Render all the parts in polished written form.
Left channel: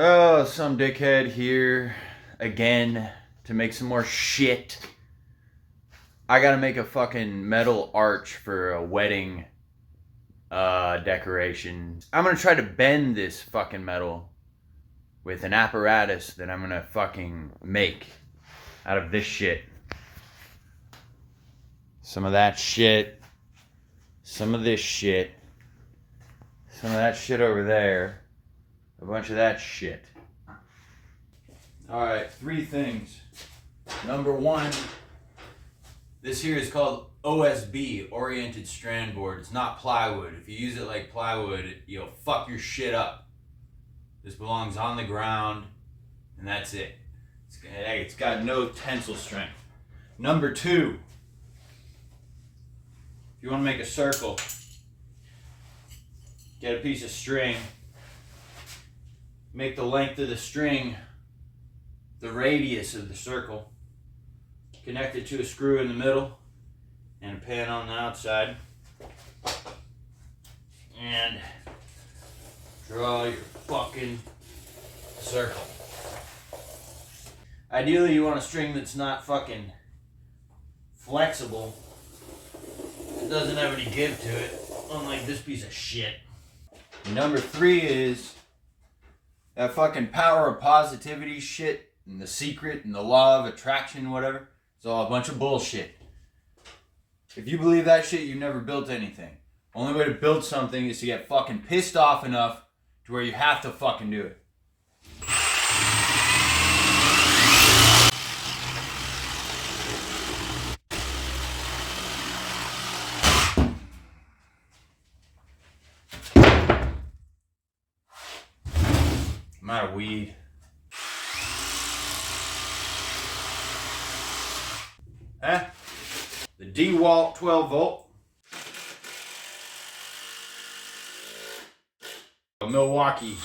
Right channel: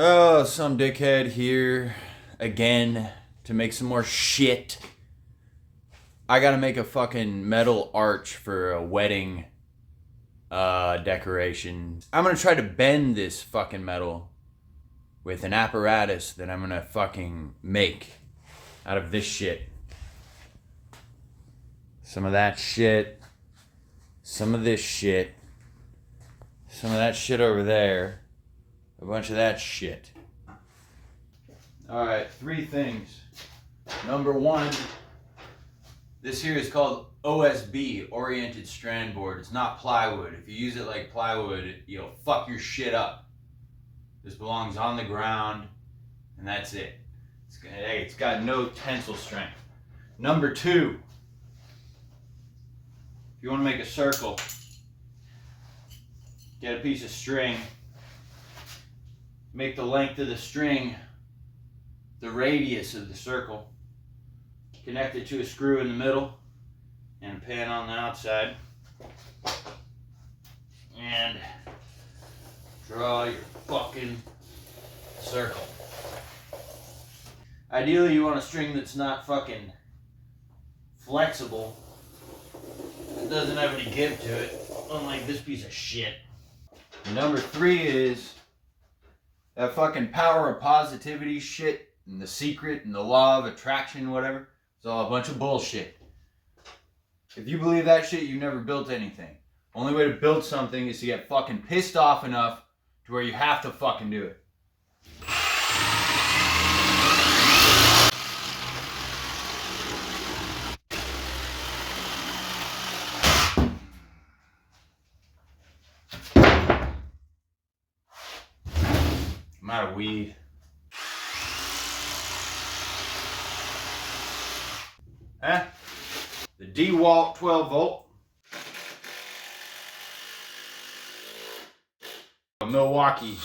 Oh, some dickhead here again to make some more shit. I gotta make a fucking metal arch for a wedding decoration. I'm gonna try to bend this fucking metal with an apparatus that I'm gonna fucking make out of this shit. Some of that shit. Some of this shit. Some of that shit over there. A bunch of that shit. Alright, 3 things. Number 1, this here is called OSB, Oriented Strand Board. It's not plywood. If you use it like plywood, you'll fuck your shit up. This belongs on the ground, and that's it. It's got no tensile strength. Number 2, if you want to make a circle, get a piece of string, make the length of the string the radius of the circle, connect it to a screw in the middle and a pin on the outside, and draw your fucking circle. Ideally you want a string that's not fucking flexible. It doesn't have any give to it, unlike this piece of shit. And number 3 is that fucking power of positivity shit and The Secret and the law of attraction, whatever. It's all a bunch of bullshit. If you believe that shit, you've never built anything. Only way to build something is to get fucking pissed off enough to where you have to fucking do it. I'm out of weed. Huh? The DeWalt 12 volt. Milwaukee.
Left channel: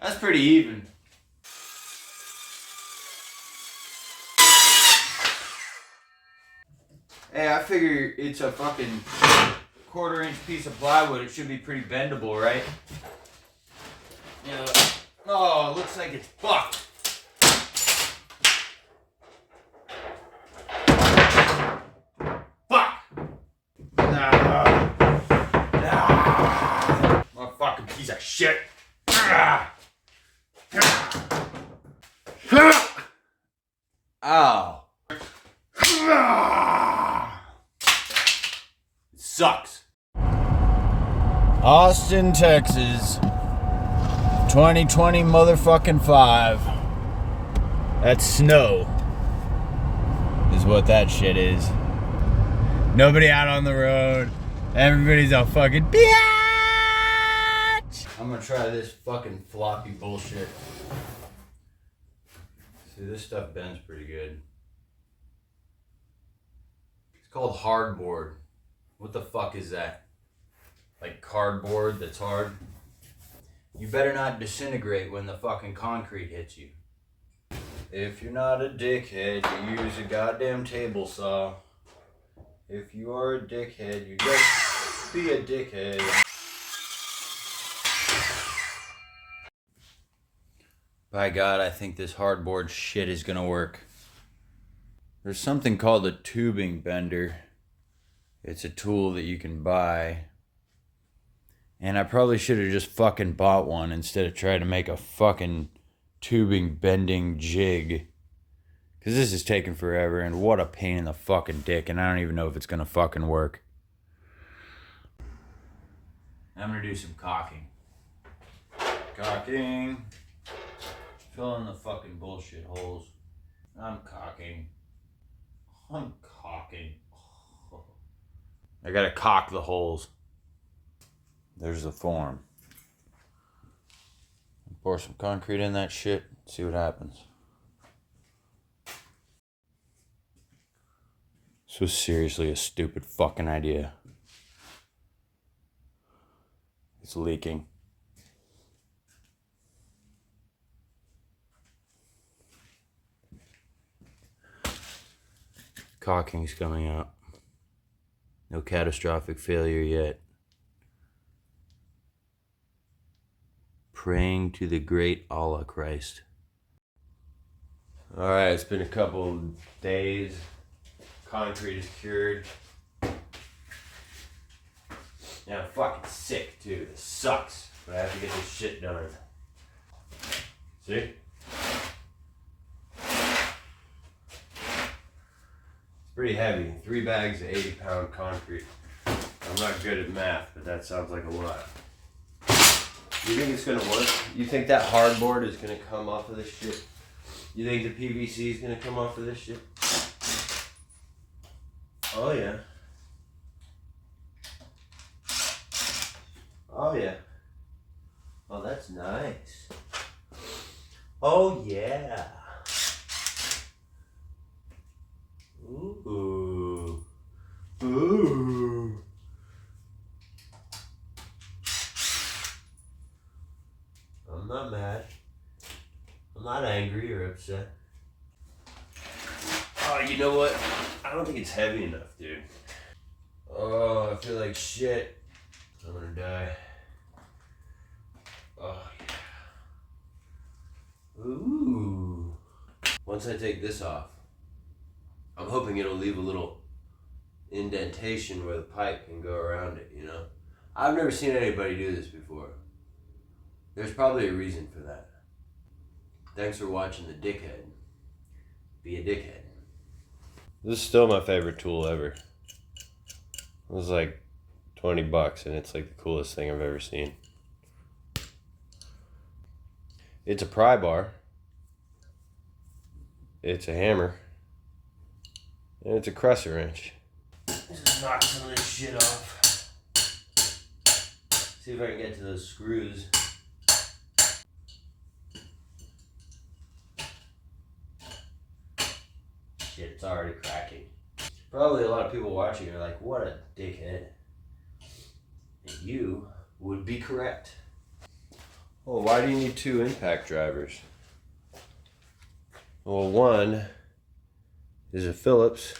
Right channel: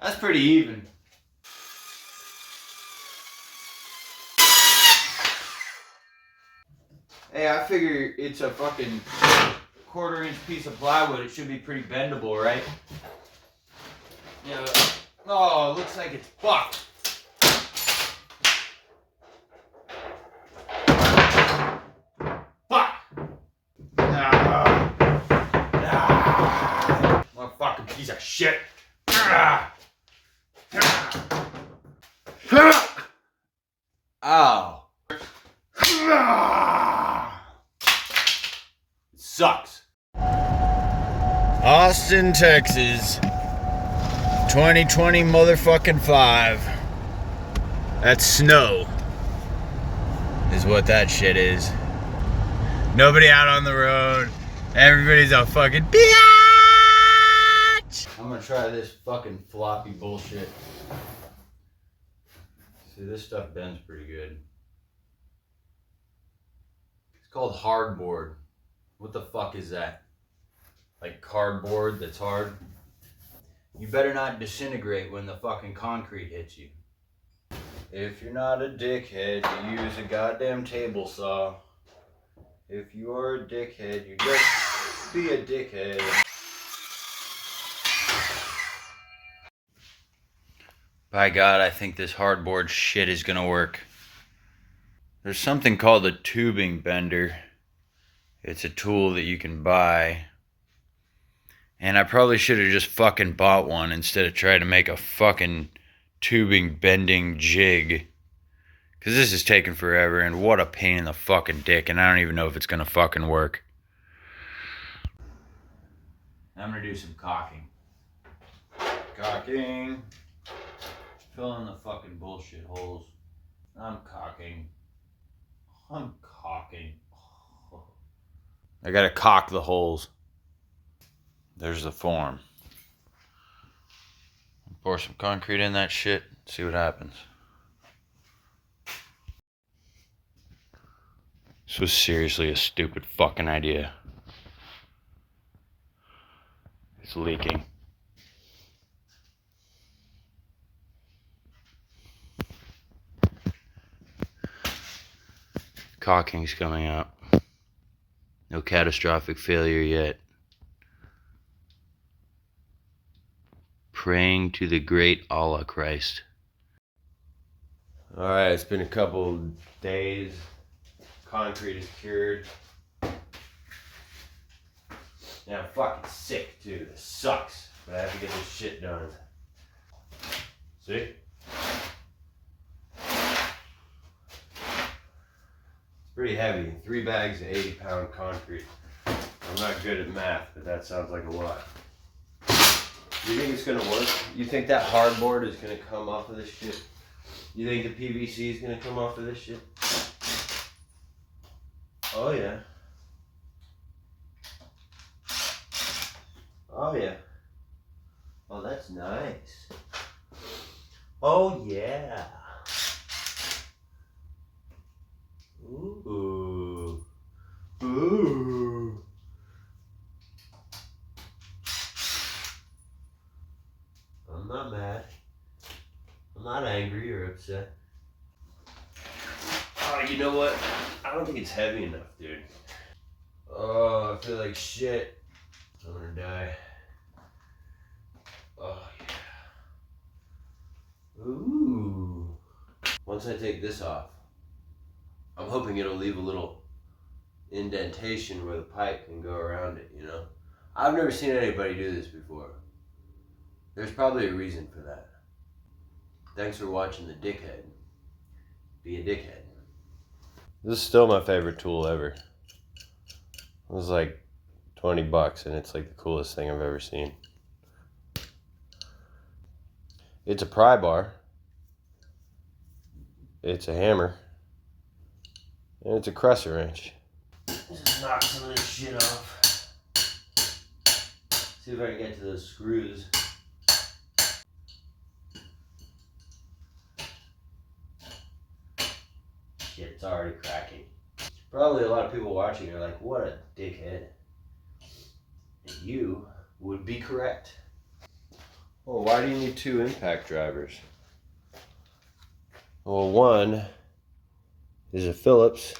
That's pretty even. Hey, I figure it's a fucking 1/4-inch piece of plywood. It should be pretty bendable, right? Yeah. Oh, it looks like it's fucked. Fuck! Nah. Motherfucking piece of shit. Ow. It sucks. Austin, Texas. 2020 motherfucking 5. That's snow. Is what that shit is. Nobody out on the road. Everybody's a fucking biatch. I'm gonna try this fucking floppy bullshit. See, this stuff bends pretty good. It's called hardboard. What the fuck is that? Like cardboard that's hard? You better not disintegrate when the fucking concrete hits you. If you're not a dickhead, you use a goddamn table saw. If you are a dickhead, you just be a dickhead. By God, I think this hardboard shit is gonna work. There's something called a tubing bender. It's a tool that you can buy. And I probably should have just fucking bought one instead of trying to make a fucking tubing bending jig. Because this is taking forever, and what a pain in the fucking dick, and I don't even know if it's going to fucking work. I'm going to do some caulking. Caulking. Fill in the fucking bullshit holes. I'm caulking. I'm caulking. I got to caulk the holes. There's the form. Pour some concrete in that shit, see what happens. This was seriously a stupid fucking idea. It's leaking. Caulking's coming out. No catastrophic failure yet. praying to the great Allah Christ. Alright, it's been a couple days. Concrete is cured. Yeah, I'm fucking sick too. It sucks. But I have to get this shit done. See? It's pretty heavy. 3 bags of 80-pound concrete. I'm not good at math, but that sounds like a lot. You think it's gonna work? You think that hardboard is gonna come off of this shit? You think the PVC is gonna come off of this shit? Oh yeah. Oh yeah. Oh, that's nice. Oh yeah. Ooh. Ooh. I'm not mad. I'm not angry or upset. Oh, you know what? I don't think it's heavy enough, dude. Oh, I feel like shit. I'm gonna die. Oh, yeah. Ooh. Once I take this off, I'm hoping it'll leave a little indentation where the pipe can go around it, you know? I've never seen anybody do this before. There's probably a reason for that. Thanks for watching The Dickhead. Be a dickhead. This is still my favorite tool ever. It was like 20 bucks and it's like the coolest thing I've ever seen. It's a pry bar. It's a hammer. And it's a crescent wrench. Just knock some of this shit off. See if I can get to those screws. Shit, it's already cracking. Probably a lot of people watching are like, what a dickhead. And you would be correct. Well, why do you need 2 impact drivers? Well, one is a Phillips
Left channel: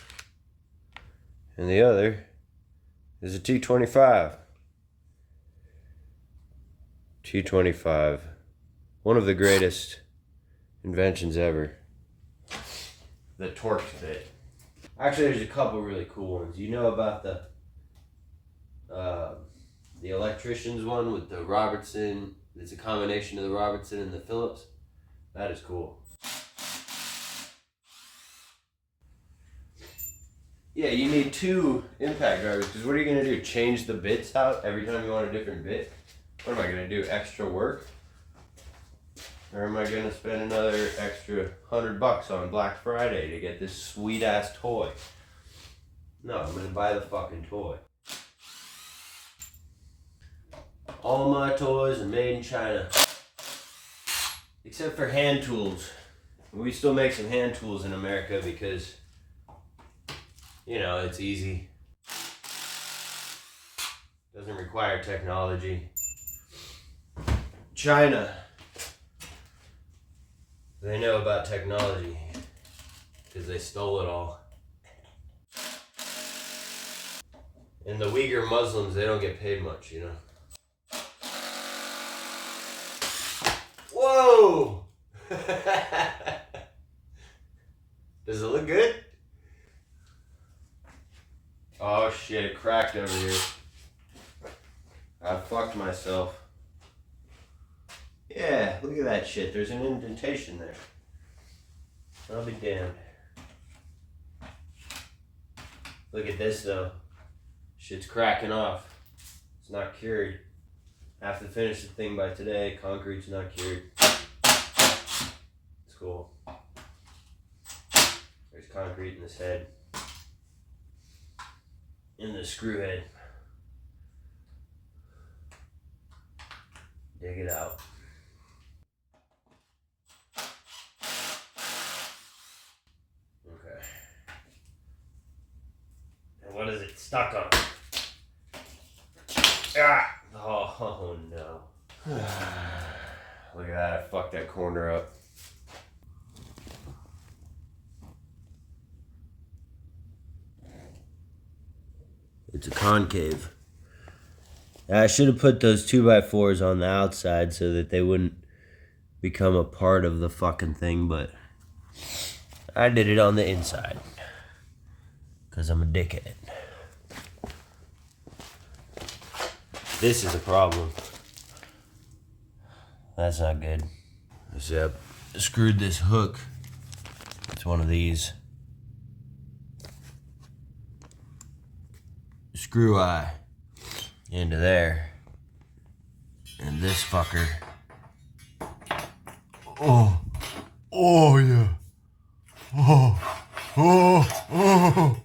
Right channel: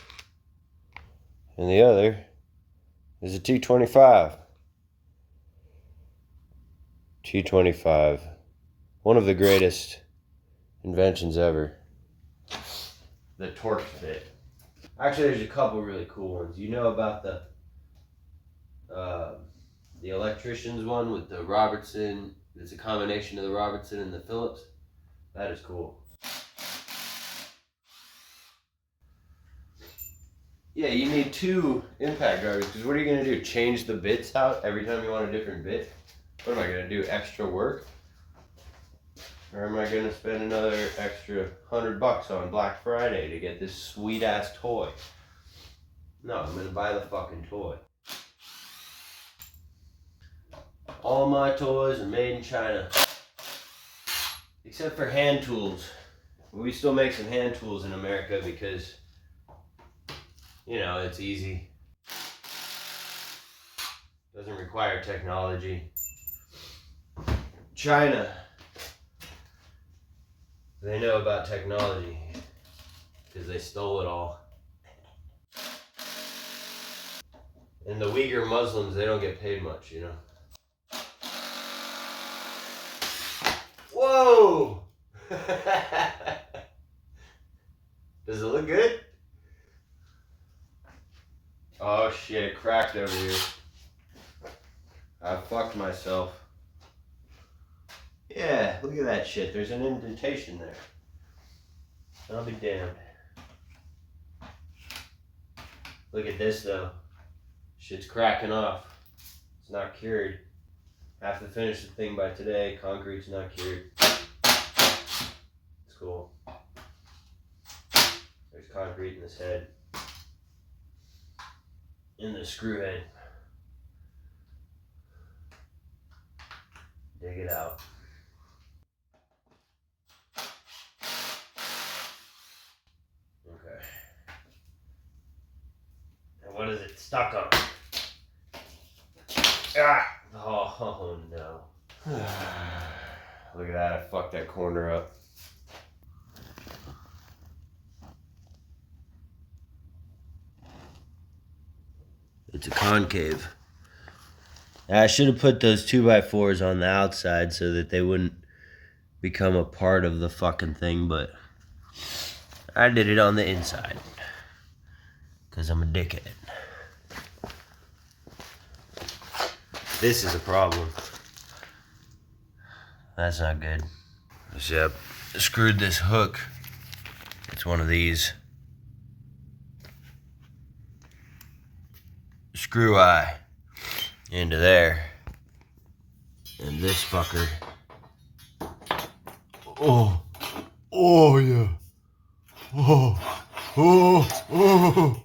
and the other is a T25. T25, one of the greatest inventions ever. The Torx bit. Actually, there's a couple really cool ones. You know about the electrician's one with the Robertson. It's a combination of the Robertson and the Phillips. That is cool. Yeah, you need 2 impact drivers because what are you going to do? Change the bits out every time you want a different bit? What am I going to do? Extra work? Or am I going to spend another extra $100 on Black Friday to get this sweet ass toy? No, I'm going to buy the fucking toy. All my toys are made in China. Except for hand tools. We still make some hand tools in America because, you know, it's easy. Doesn't require technology. China. They know about technology because they stole it all. And the Uyghur Muslims, they don't get paid much, you know. Whoa! Does it look good? Oh shit, it cracked over here. I fucked myself. Yeah, look at that shit. There's an indentation there. I'll be damned. Look at this though. Shit's cracking off. It's not cured. Have to finish the thing by today. Concrete's not cured. It's cool. There's concrete in this head. In the screw head. Dig it out. Okay. And what is it stuck on? Ah! Oh no. Look at that, I fucked that corner up. It's a concave. I should have put those 2x4s on the outside so that they wouldn't become a part of the fucking thing, but I did it on the inside. Because I'm a dickhead. This is a problem. That's not good. Yep. Screwed this hook. It's one of these. Screw eye into there. And this fucker. Oh. Oh, yeah. Oh. Oh. Oh.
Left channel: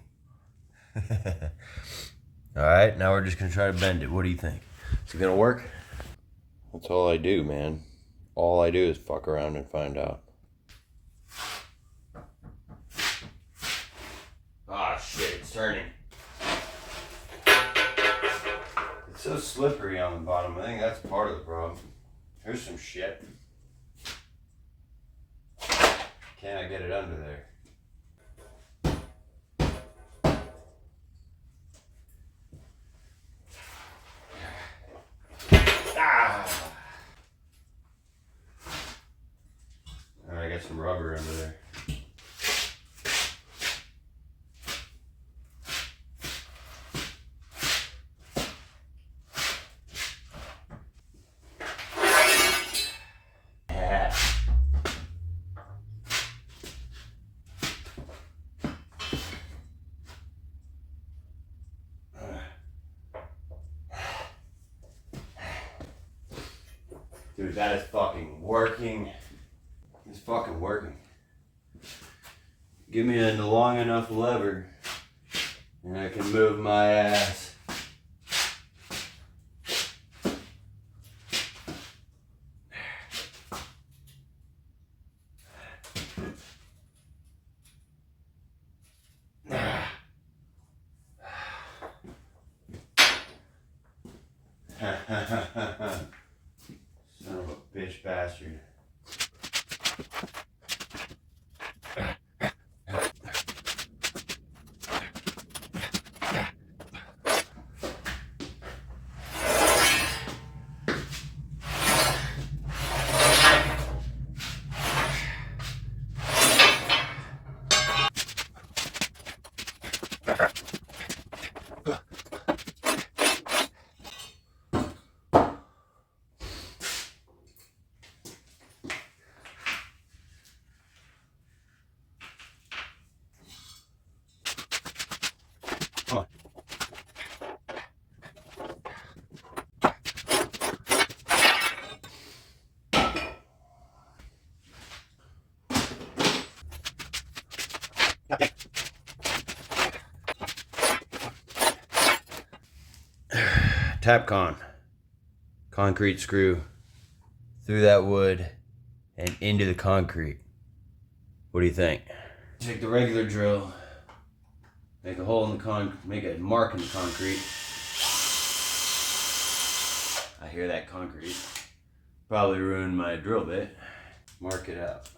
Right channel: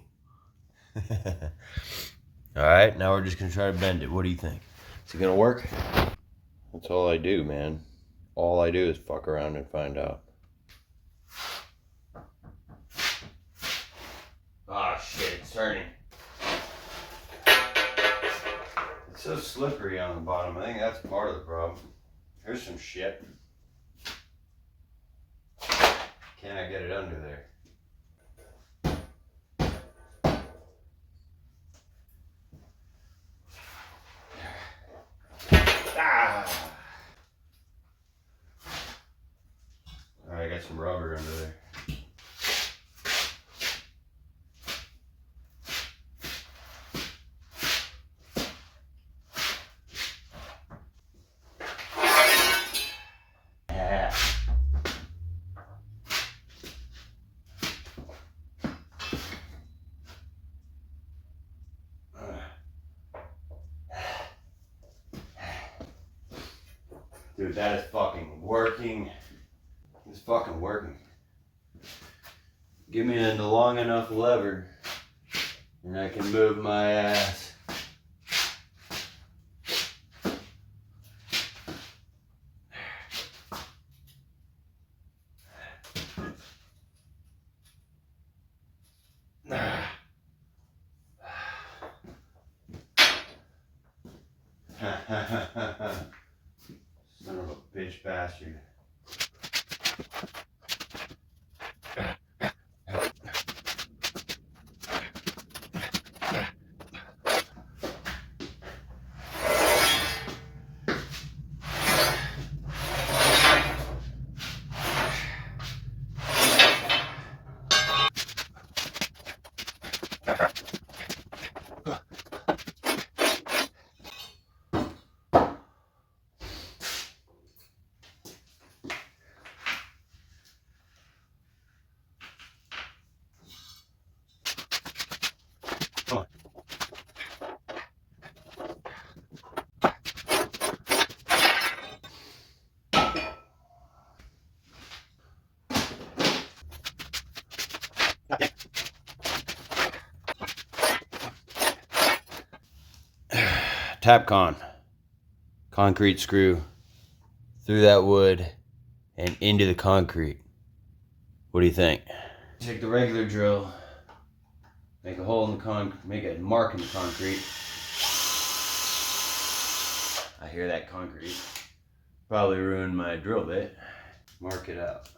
Alright, now we're just gonna try to bend it. What do you think? Is it gonna work? That's all I do, man. All I do is fuck around and find out. Ah, shit, it's turning. It's so slippery on the bottom. I think that's part of the problem. Here's some shit. Can I get it under there? I got some rubber under there. Dude, that is fucking working. It's fucking working. Give me a long enough lever and I can move my ass. Son of a bitch bastard. Come on. Tapcon. Concrete screw through that wood and into the concrete. What do you think? Take the regular drill, make a hole in the make a mark in the concrete. I hear that concrete. Probably ruined my drill bit. Mark it out.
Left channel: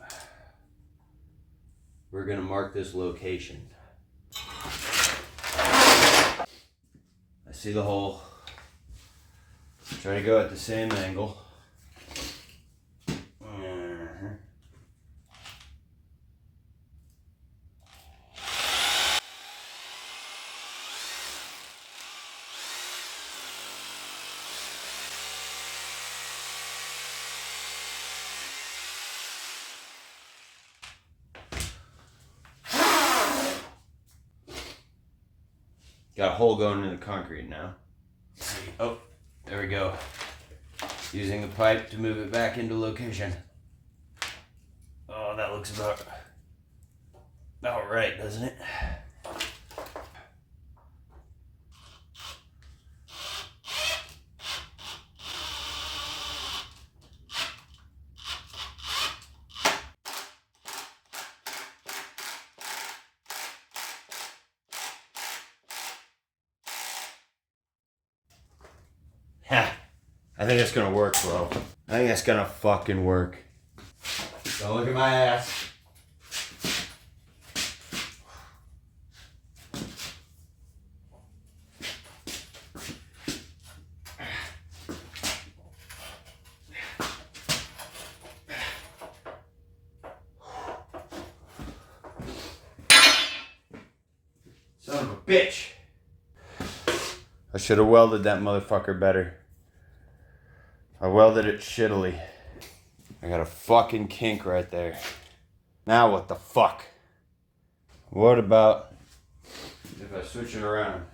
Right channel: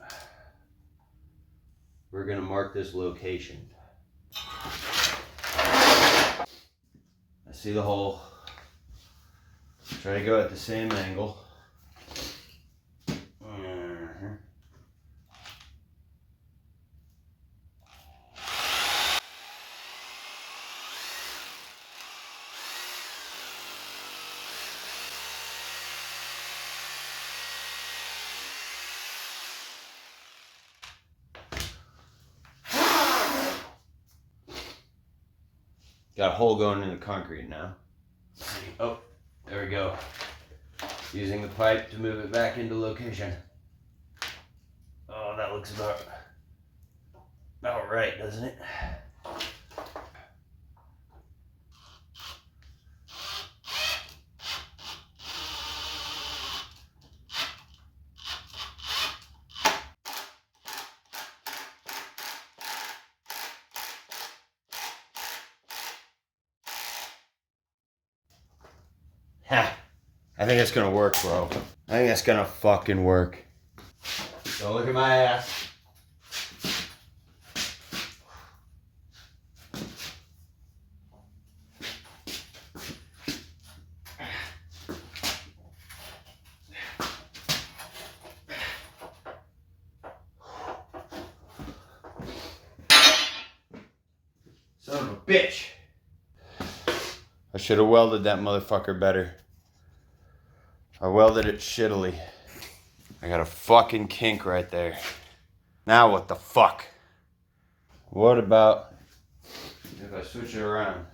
We're gonna mark this location. I see the hole. Try to go at the same angle. Got a hole going in the concrete now. Oh, there we go. Using the pipe to move it back into location. Oh, that looks about right, doesn't it? Ha! I think it's gonna work, bro. I think that's gonna fucking work. Don't look at my ass. bitch. I should have welded that motherfucker better. I welded it shittily. I got a fucking kink right there. Now what the fuck? What about if I switch it around?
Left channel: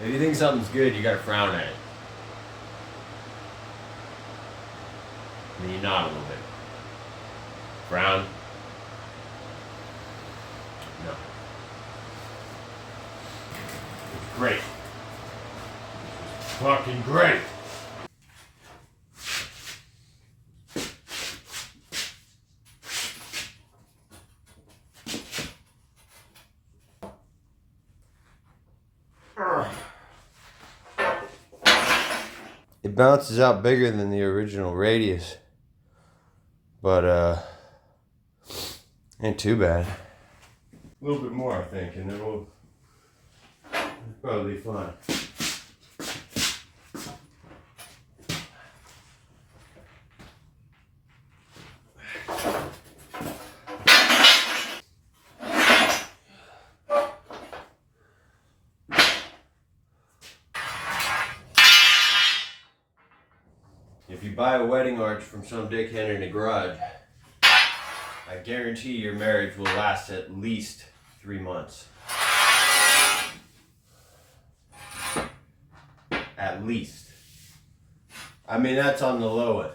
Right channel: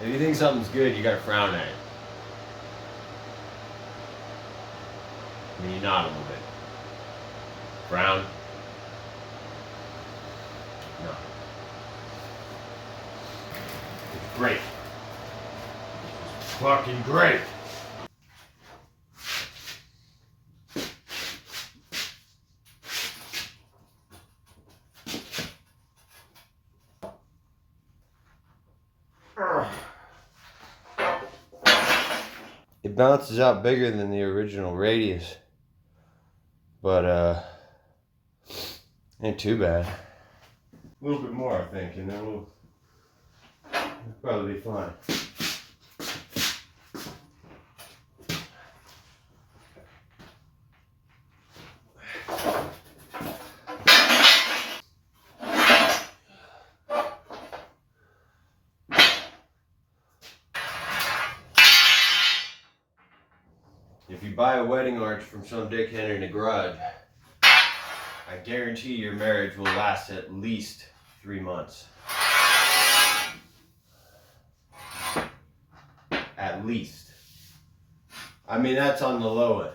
If you think something's good, you gotta frown at it. And then you nod a little bit. Frown. No. It's great. It's fucking great. It bounces out bigger than the original radius, but ain't too bad. A little bit more, I think, and then we'll probably be fine. If you buy a wedding arch from some dickhead in a garage, I guarantee your marriage will last at least 3 months. At least. I mean, that's on the low end.